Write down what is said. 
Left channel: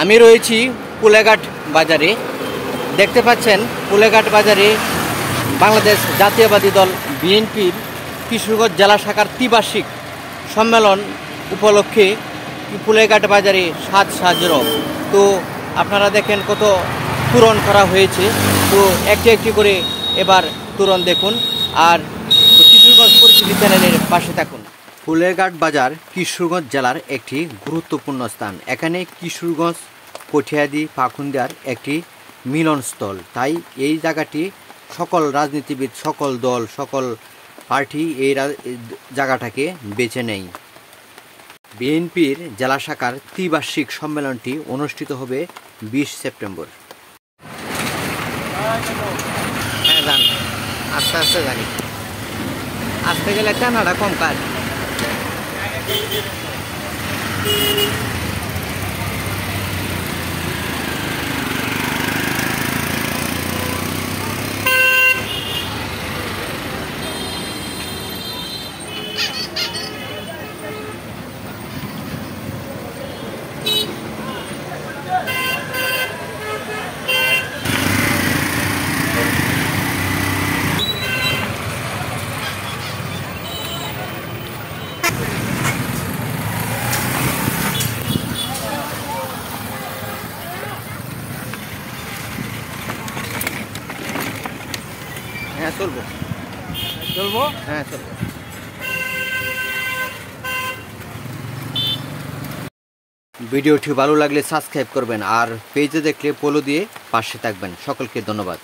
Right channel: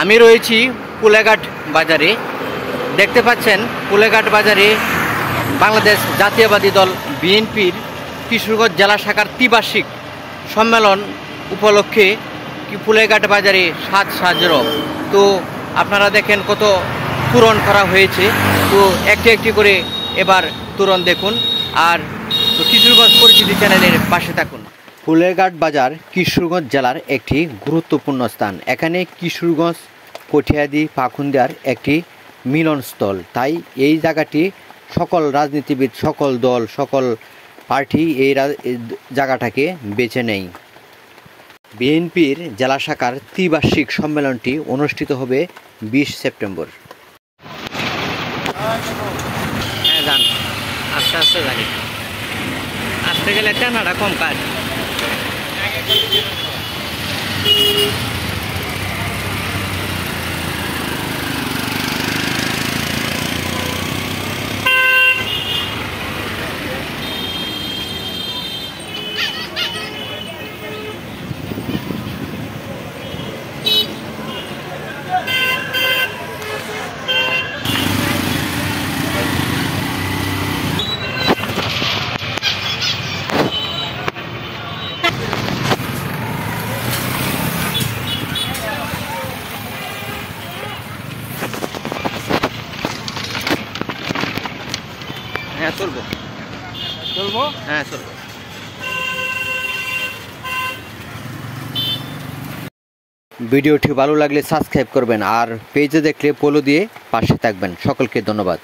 আমি রয়েছি কুলেঘাট বাজারে। দেখতে পাচ্ছেন কুলেঘাট বাজারে বাংলাদেশ জাতীয়বাদী দল বিএনপির কিশোরগঞ্জ জেলা শাখার ত্রিবার্ষিক সম্মেলন উপলক্ষে কুলেঘাট বাজারে সাজ সাজরব। তো আপনারা দেখেন কত তোরণ করা হয়েছে। তো একটি একটি করে এবার তোরণ দেখুন আর কিশোরগঞ্জ পরিচিতি চ্যানেলের পাশে থাকুন। কুলেঘাট বাজার কিশোরগঞ্জ জেলার একটি গুরুত্বপূর্ণ স্থান। এখানে কিশোরগঞ্জ কঠিয়াদি পাখুন্দিয়ার একটি মিলনস্থল। তাই এই জায়গাটি সকল রাজনীতিবিদ, সকল দল, সকল পার্টি এই জায়গাটাকে বেছে নেয়। বিএনপির জেলা শাখার ত্রিবার্ষিক সম্মেলনটি অনুষ্ঠিত হবে 20 সেপ্টেম্বর। হ্যাঁ যান, আস্তে আস্তে জানি, আসতে গেলে টানাটা কম কাজ। হ্যাঁ চলবো, হ্যাঁ চলবো। ভিডিওটি ভালো লাগলে সাবস্ক্রাইব করবেন আর পেজে দেখলে ফলো দিয়ে পাশে থাকবেন। সকলকে ধন্যবাদ।